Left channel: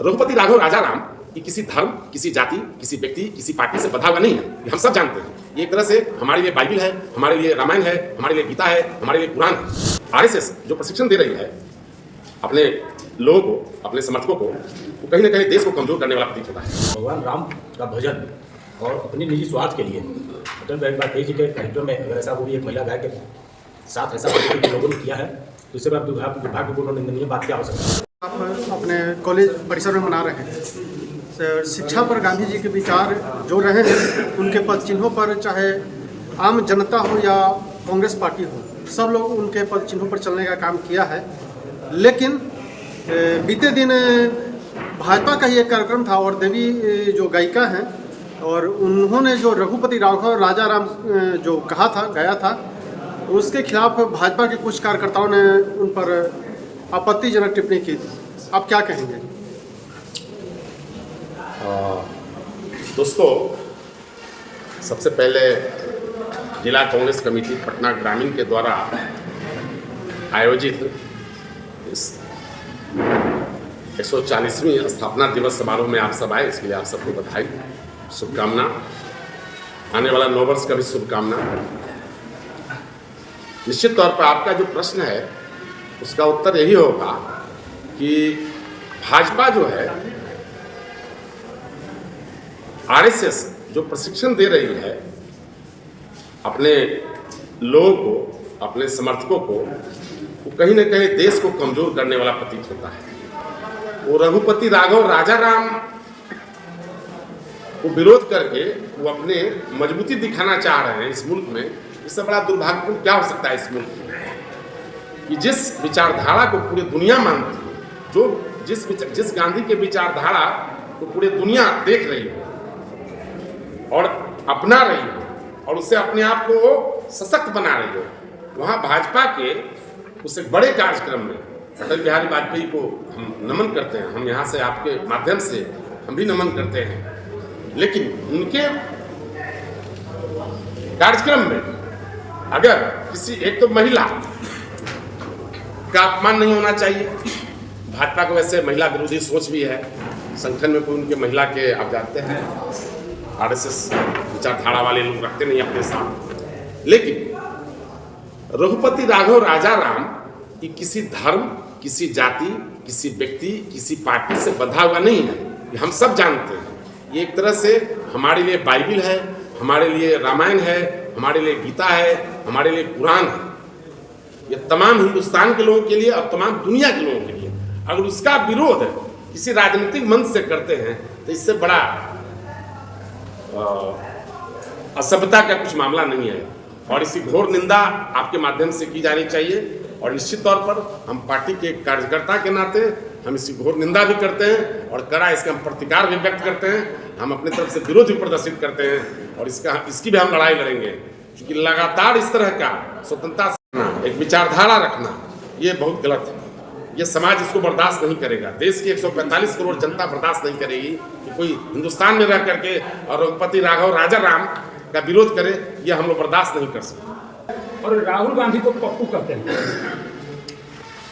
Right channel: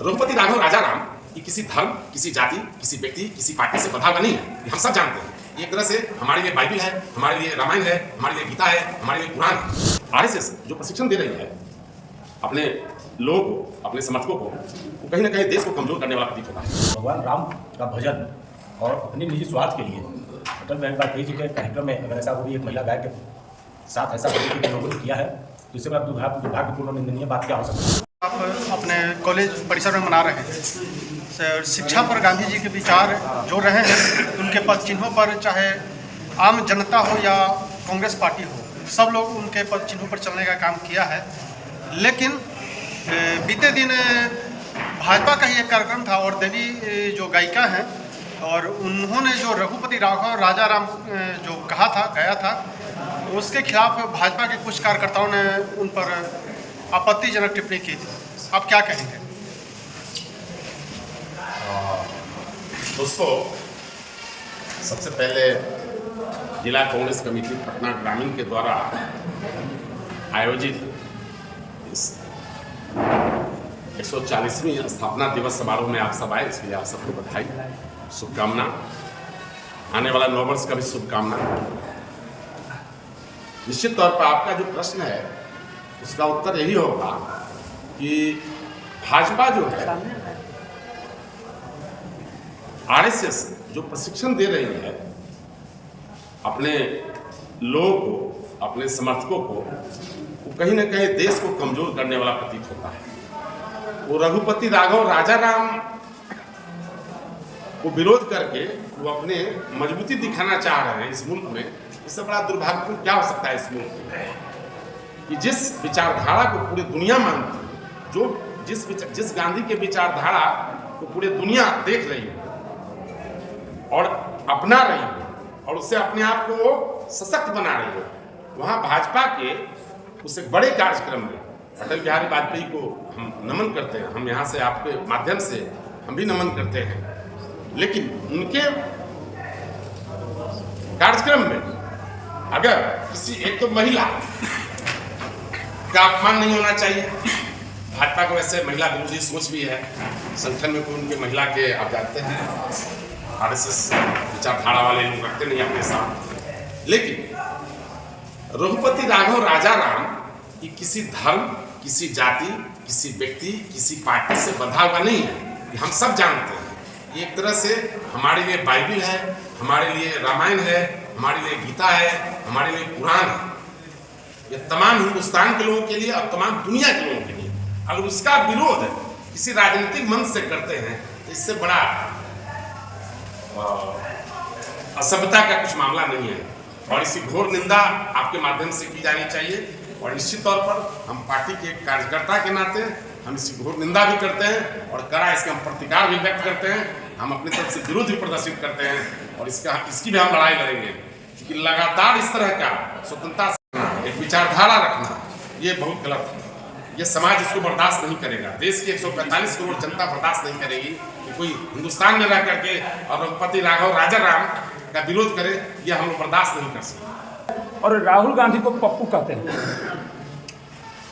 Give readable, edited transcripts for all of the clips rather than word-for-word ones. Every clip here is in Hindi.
रघुपति राघव राजाराम ये किसी धर्म, किसी जाति, किसी व्यक्ति, किसी पार्टी से बंधा हुआ नहीं है। ये हम सब जानते हैं। ये एक तरह से हमारे लिए बाइबिल है, हमारे लिए रामायण है, हमारे लिए गीता है, हमारे लिए कुरान है। आरएसएस जो प्रशिक्षण दे रही है अपने लोगों को, अपने समर्थकों को, वो कहीं ना कहीं देश को कमजोर करने वाला प्रतीत होता है। भगवान राम का भजन और अपने निजी स्वार्थ के लिए अटल बिहारी वाजपेयी जी के कार्यक्रम में अगर ऐसा वो भी एक महिला गाय के साथ ऐसा लोगों ने किया है तो इससे बड़ा दुर्भाग्यपूर्ण निंदनीय बात क्या हो सकती है। आप अपने कॉलेज परिसर में मना रहे हैं। शिक्षा पर गांधी जी के विचार जो रहे हैं उनके पद चिन्हों पर, चाहे आम जनता हो या कांग्रेस पार्टी हो, सब लोग उनके पद चिन्हों पर चलने का काम किया है। लेकिन बीते दिन भाजपा का ही एक कार्यक्रम था और देवी जो गायिका हैं और उन्होंने जो रघुपति राघव राजाराम जो कहा था, गाया था, उसके खिलाफ भाजपा के कुछ कार्यकर्ताओं ने उन पर आपत्तिजनक टिप्पणी की थी। आप क्या कहेंगे? दोस्तों, सबसे पहले जिला कांग्रेस कमेटी पटना ग्रामीण के द्वारा आयोजित इस 140वीं स्थापना दिवस समारोह में आप सब आए, इसके लिए आप सबको बधाई, शुभकामना। आने वाला नव वर्ष का भी शुभकामना। निश्चित तौर पर आपका जो प्रश्न है उसका उत्तर यही होगा कि भाजपा जो है, आरएसएस जो प्रशिक्षण दे रही है अपने लोगों को, अपने समर्थकों को, वो कहीं ना कहीं देश को कमजोर करने वाला प्रतीत होता है। वो रघुपति राघव राजाराम को विरोध करके वो अपने मजबूती दिखाना चाह रहे हैं इस मुल्क में। इससे बड़ा दुर्भाग्यपूर्ण क्या हो सकता है इस मुल्क में कि जिस विचारधारा को पूरी दुनिया मानती है, जो जिस गांधी के विचारधारा को पूरी दुनिया देख रही हो और अपना रही हो और उससे अपने आप को सशक्त बना रही हो, वहाँ भाजपा के उस एक बड़े कार्यक्रम में अटल बिहारी वाजपेयी को हम नमन करते हैं। हम यहाँ से आपके माध्यम से हम भी नमन करते हैं। लेकिन उनके कार्यक्रम में अगर किसी एक तो महिला का अपमान नहीं होना चाहिए। भाजपा को वैसे महिला विरोधी सोच भी है, संगठन में कोई उनके महिला के, आप जानते हैं, आरएसएस विचारधारा वाले लोग रखते नहीं अपने साथ। लेकिन रघुपति राघव राजाराम ये किसी धर्म, किसी जाति, किसी व्यक्ति, किसी पार्टी से बंधा हुआ नहीं है। ये हम सब जानते हैं। ये एक तरह से हमारे लिए बाइबिल है, हमारे लिए रामायण है, हमारे लिए गीता है, हमारे लिए कुरान है। ये तमाम हिंदुस्तान के लोगों के लिए और तमाम दुनिया के लोगों के लिए। अगर उसका विरोध किसी राजनीतिक मंच से करते हैं तो इससे बड़ा असभ्यता का कुछ मामला नहीं है और इसकी घोर निंदा आपके माध्यम से की जानी चाहिए। और निश्चित तौर पर हम पार्टी के कार्यकर्ता के नाते हम इसकी घोर निंदा भी करते हैं और कड़ा इसका हम प्रतिकार भी व्यक्त करते हैं। हम अपनी तरफ से विरोध भी प्रदर्शित करते हैं और इसकी भी हम लड़ाई लड़ेंगे, क्योंकि लगातार इस तरह का स्वतंत्रता से एक विचारधारा रखना ये बहुत गलत है। ये समाज इसको बर्दाश्त नहीं करेगा। देश की 145 करोड़ जनता बर्दाश्त नहीं करेगी कि कोई हिंदुस्तान में रह करके और रघुपति राघव राजाराम का विरोध करे। ये हम लोग बर्दाश्त नहीं कर सकते। और राहुल गांधी को पप्पू कहते हैं।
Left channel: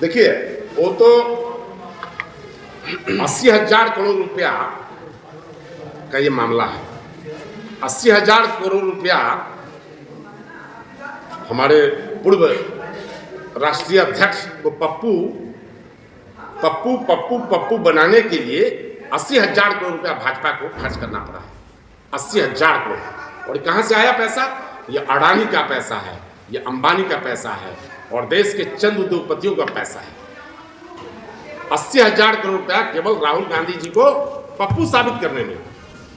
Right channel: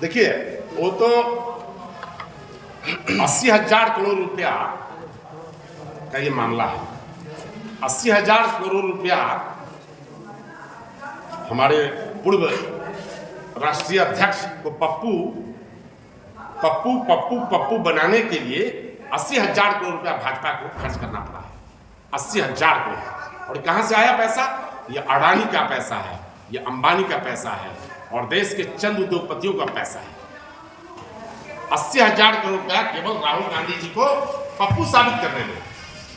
देखिए, वो तो 80,000 करोड़ रुपया का ये मामला है। 80,000 करोड़ रुपया हमारे पूर्व राष्ट्रीय अध्यक्ष को पप्पू बनाने के लिए 80,000 करोड़ रुपया भाजपा को खर्च करना पड़ा है। 80,000 करोड़। और कहाँ से आया पैसा? ये अडानी का पैसा है, ये अंबानी का पैसा है और देश के चंद उद्योगपतियों का पैसा है। 80,000 करोड़ रुपया केवल राहुल गांधी जी को पप्पू साबित करने में।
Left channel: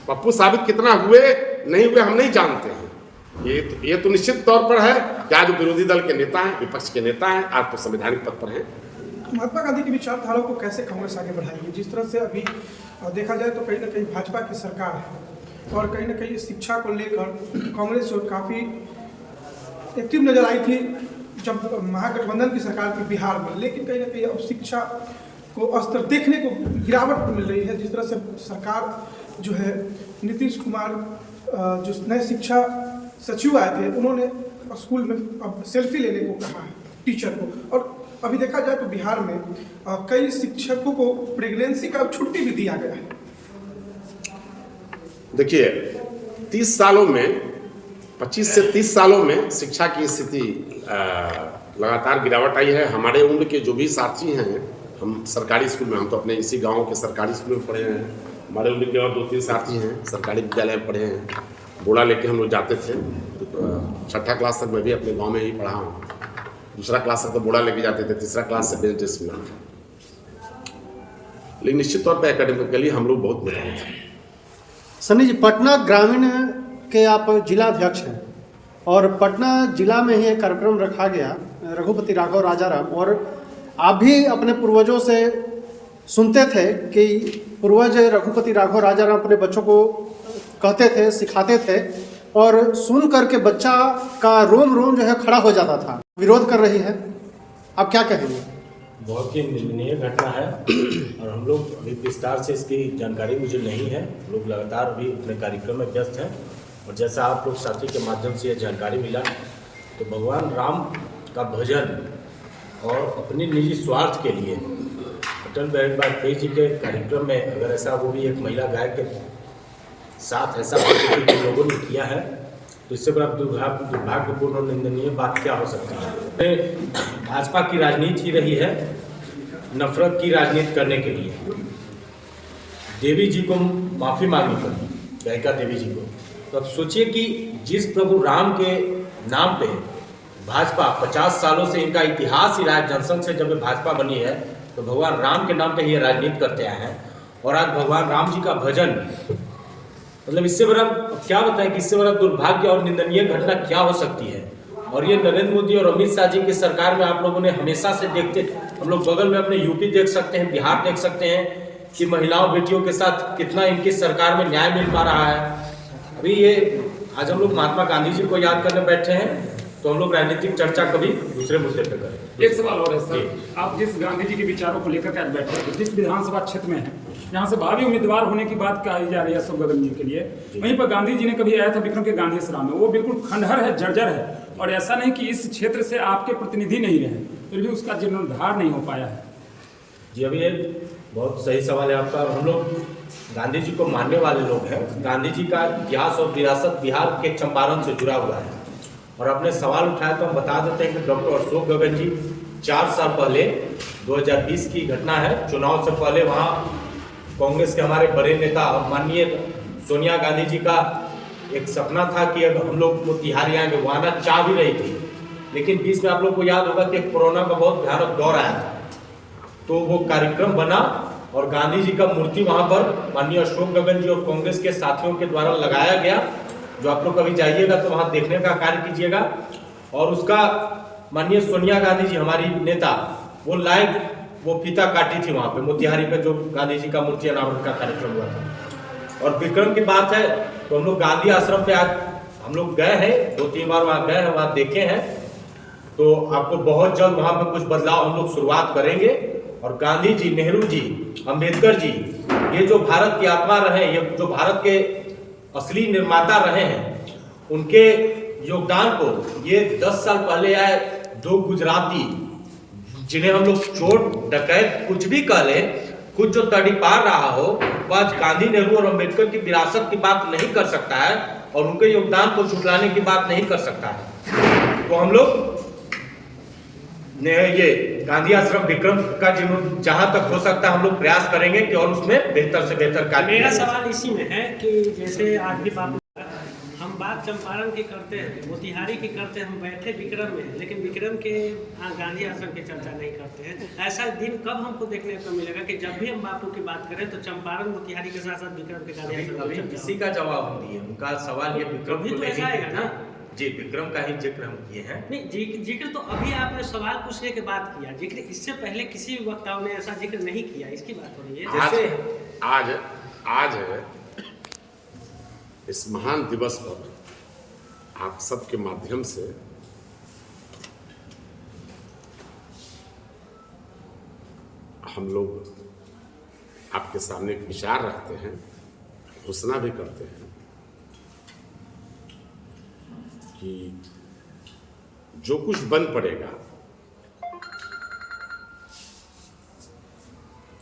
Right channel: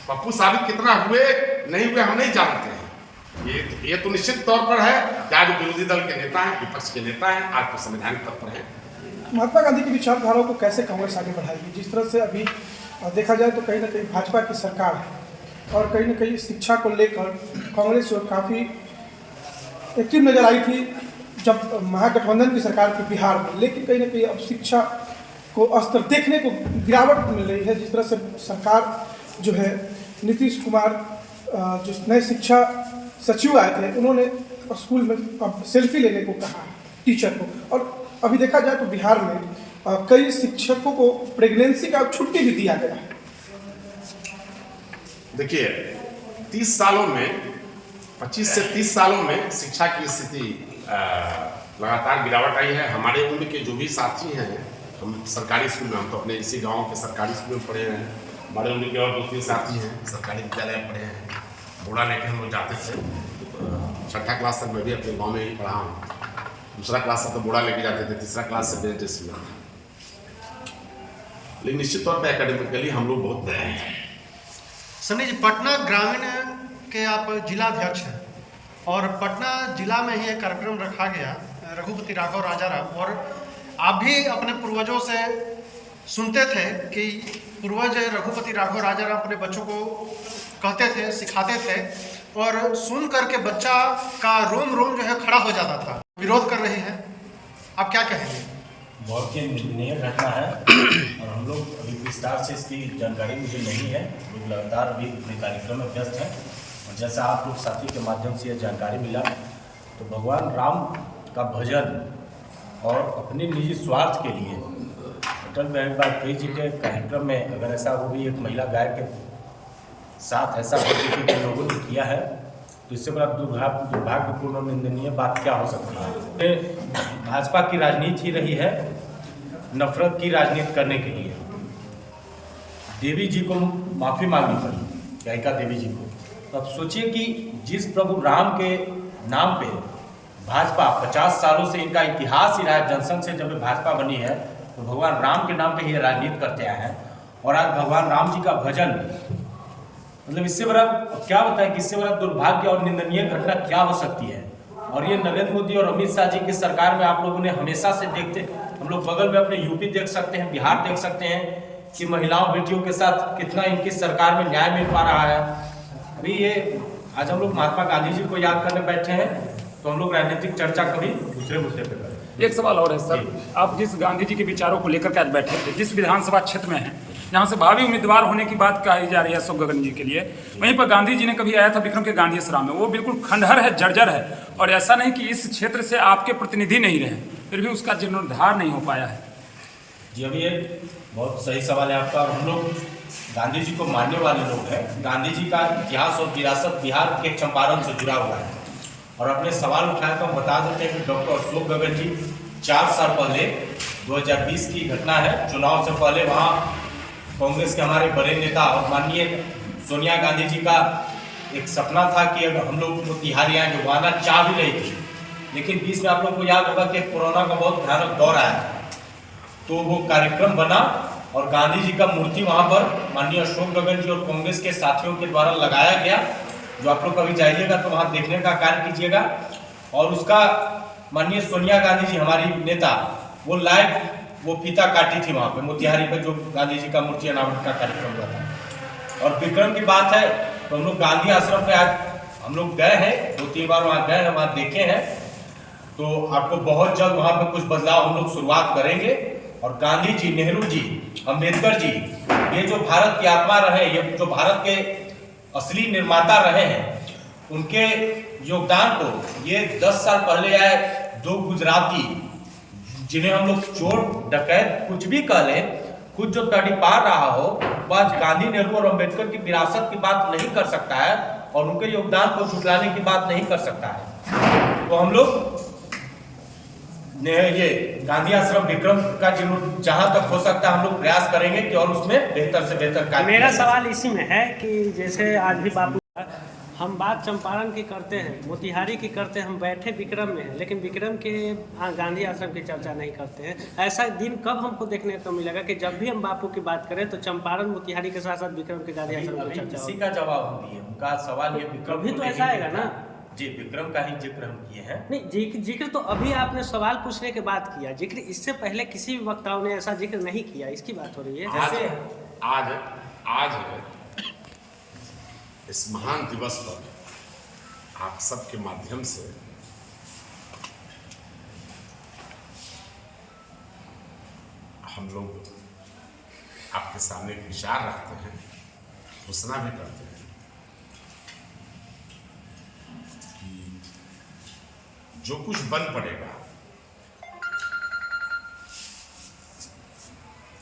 पप्पू साबित कितना हुए नहीं हुए हम नहीं जानते हैं। ये तो निश्चित तौर पर है कि आज विरोधी दल के नेता हैं, विपक्ष के नेता हैं, आज तो संवैधानिक पद पर हैं। महात्मा गांधी की विचारधारा को कैसे कांग्रेस आगे बढ़ाएगी? जिस तरह से अभी देखा जाए तो कहीं ना कहीं भाजपा की सरकार है और कहीं ना कहीं शिक्षा को लेकर कांग्रेस काफ़ी एक्टिव नजर आई थी जब महागठबंधन की सरकार थी बिहार में। लेकिन कहीं ना कहीं अब शिक्षा को स्तर देखने को गिरावट मिल रही है। जिस तरह से सरकार जो है, नीतीश कुमार जो नए शिक्षा सचिव आए थे, उन्होंने स्कूल में सेल्फी लेने को कहा टीचर को, और अभी देखा जाए तो बिहार में कई शिक्षकों को प्रेगनेंसी का छुट्टी भी दिया गया है। देखिए 30 सालों में 25 से 30 सालों में शिक्षा की स्थिति लगातार गिरावट आई है। हमारे उम्र के जो भी साथी हैं, हम सरकारी स्कूल में, हम तो अपने इसी गांव के सरकारी स्कूल में पढ़े हैं। हमारे उम्र के और 2-3 साथी हैं सरकारी विद्यालय में पढ़े हैं। बोला लेके हम लोग जाते थे, 6ठा क्लास तक मैं भी अपने गांव में ही पढ़ा हूँ। 2रा क्लास तक तो बोड़ा लेके जाते थे, 3रा क्लास से बेस्ट ड्रेस मिला था। लेकिन निश्चित तौर पर एकेडमिकली हम लोग बहुत बेहतर थे। सनी जी, पटना ग्रामीण के आप जिला अध्यक्ष हैं और पटना जिला में ही एक कार्यक्रम रखा गया रघुपति राघव राजाराम, और आप भी अपने पूर्वजों से सुनते थे कि पूर्वज रघुपति राघव राजाराम अपने बच्चों को कहते थे, सिखाते थे, और सुन करके बच्चा का रोम रोम जो है खड़ा हो जाता था। विरोध कर रही है, आप क्या कहेंगे? बहुत ही निंदनीय घटना है और हम लोग अभी विस्तार से इसकी जानकारी मुझे नहीं है। हम लोग लगातार अभी अपने कार्यक्रम में व्यस्त हैं और जैसा आप लोग साथी के माध्यम से यह जानकारी मिला तो भगवान राम का भजन और अपने निजी स्वार्थ के लिए अटल बिहारी वाजपेयी जी के कार्यक्रम में अगर ऐसा वो भी एक महिला गायक के साथ ऐसा के लोगों ने किया है तो इससे बड़ा दुर्भाग्यपूर्ण और निंदनीय बात क्या हो सकती है। भाजपा की राजनीति ही रही है नफरत की राजनीति करने के लिए। देवी जी को माफ़ी मांगनी पड़ी, गायिका देवी जी को। तो अब सोचिए कि जिस प्रभु राम के नाम पे भाजपा 50 सालों से, इनका इतिहास ही रहा है, जनसंघ से जब भाजपा बनी है तो भगवान राम के नाम पे ही राजनीति करते आए हैं और आज भगवान राम जी का भजन, मतलब इससे बड़ा क्या बताएं कि इससे बड़ा दुर्भाग्य और निंदनीय घटना क्या हो सकती है। और ये नरेंद्र मोदी और अमित शाह जी की सरकार में आप लोगों ने हमेशा से देखते, हम लोग बगल में अपने यूपी देख सकते हैं, बिहार देख सकते हैं कि महिलाओं बेटियों के साथ कितना इनकी सरकार में न्याय मिल पा रहा है। अभी ये आज हम लोग महात्मा गांधी जी को याद करने बैठे हैं तो हम लोग राजनीतिक चर्चा कभी दूसरे मुद्दे पे करेंगे। एक सवाल और है सर, आप जिस गांधी जी के विचारों को लेकर के आज बैठे थे, जिस विधानसभा क्षेत्र में हैं जहाँ से भावी उम्मीदवार होने की बात कही जा रही है अशोक गगन जी के लिए, वहीं पर गांधी जी ने कभी आया था विक्रम के गांधी आश्रम में, वो बिल्कुल खंडहर है, जर्जर है, और ऐसा नहीं कि इस क्षेत्र से आपके प्रतिनिधि नहीं रहे, फिर भी उसका जीर्णोद्धार नहीं हो पाया है। जी अभी ये बहुत सही सवाल है आपका, और हम लोग गांधी जी को मानने वाले लोग हैं। गांधी जी का इतिहास और विरासत बिहार के चंपारण से जुड़ा हुआ है और अपने सवाल उठाए तो हम बता देते हैं कि डॉक्टर अशोक गगन जी 4 साल पहले 2020 की घटना है, चुनाव से पहले वहाँ कांग्रेस के हमारे बड़े नेता और माननीय सोनिया गांधी जी का एक सपना था कि अगर हम लोग मोतिहारी आएंगे, वहाँ ना चाह भी रही थी, लेकिन बीच में आप लोग को याद होगा कि कोरोना का बहुत भयानक दौर आया था, तो वो कार्यक्रम बना और गांधी जी का मूर्ति वहाँ पर माननीय अशोक गगन जी और कांग्रेस के साथियों के द्वारा लगाया गया। जो आप लोग कभी जाइएगा तो वहाँ देखने का कार्य कीजिएगा। और उसका माननीय सोनिया गांधी जी हमारी नेता वो लाइव वो फीता काटी थी वहाँ पे मोतिहारी पे, जो गांधी जी का मूर्ति अनावरण का कार्यक्रम हुआ था। और विक्रम की बात है तो हम लोग गांधी आश्रम पे आज हम लोग गए हैं, 2-3 बार वहाँ गए हैं, वहाँ देखे हैं, तो आपको बहुत जल्द वहाँ पे कुछ बदलाव हम लोग शुरुआत करेंगे। और गांधी जी, नेहरू जी, अम्बेडकर जी, ये जो भारत की आत्मा रहे, ये जो भारत के असली निर्माता रहे हैं, उनके योगदान को ये 10 साल पहले आए 2 गुजराती, जिन्हें हम लोग चोर डकैत कुछ भी कह लें, खुद जो तड़ी पार रहा हो, वह आज गांधी, नेहरू और अम्बेडकर की विरासत की बात नहीं कर सकता है और उनके योगदान को झुटलाने की बात नहीं कर सकता है। तो हम लोग ने ये गांधी आश्रम विक्रम का जहां तक हो सकता है हम लोग प्रयास करेंगे कि और उसमें बेहतर से बेहतर कार्य। मेरा सवाल इसी में है कि जैसे आज भी बाबू हम बात चंपारण की करते हैं, मोतिहारी की करते हैं, हम बैठे विक्रम में हैं, लेकिन विक्रम के गांधी आश्रम की चर्चा नहीं करते हैं। ऐसा दिन कब हमको देखने को मिलेगा कि जब भी हम बापू की बात करें तो चंपारण मोतिहारी के साथ साथ विक्रम के गांधी आश्रम की चर्चा? इसी का जवाब हम दिए, उनका सवाल ये विक्रम भी तो ऐसा आएगा ना जी, विक्रम का ही जिक्र हम किए हैं। नहीं, जिक्र तो अभी आपने सवाल पूछने के बाद किया, जिक्र इससे पहले किसी भी वक्ताओं ने ऐसा जिक्र नहीं किया, इसकी बात हो रही है। आज इस महान दिवस पर आप सबके माध्यम से हम लोग आपके सामने एक विचार रखते हैं, घोषणा भी करते हैं कि जो कुछ बन पड़ेगा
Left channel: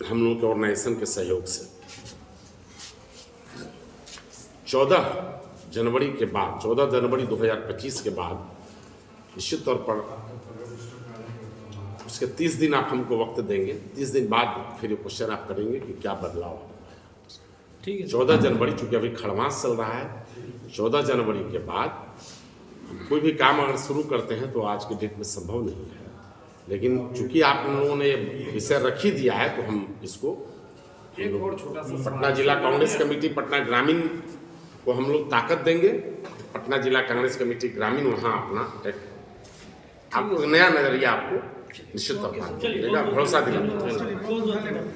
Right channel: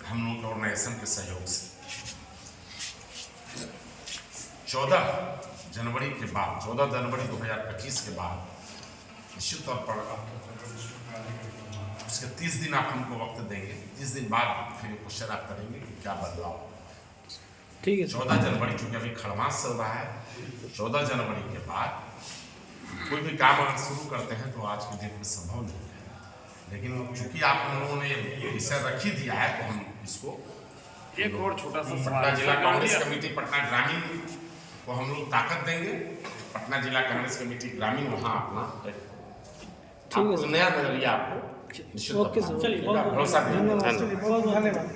हम लोग के ऑर्गेनाइजेशन के सहयोग से 14 जनवरी के बाद 14 जनवरी 2025 के बाद निश्चित तौर पर उसके 30 दिन आप हमको वक्त देंगे। 30 दिन बाद फिर क्वेश्चन आप करेंगे कि क्या बदलाव। ठीक है। 14 जनवरी चूँकि अभी खड़मास चल रहा है, 14 जनवरी के बाद कोई भी काम अगर शुरू करते हैं तो आज के डेट में संभव नहीं है। लेकिन चूंकि आप लोगों ने विषय रख ही दिया है तो हम इसको एक और छोटा सा पटना जिला कांग्रेस कमेटी पटना ग्रामीण को हम लोग ताकत देंगे। पटना जिला कांग्रेस कमेटी ग्रामीण वहाँ अपना एक आपको नया नजरिया आपको निश्चित तौर पर चलिए, भरोसा दिलाना। बहुत धन्यवाद।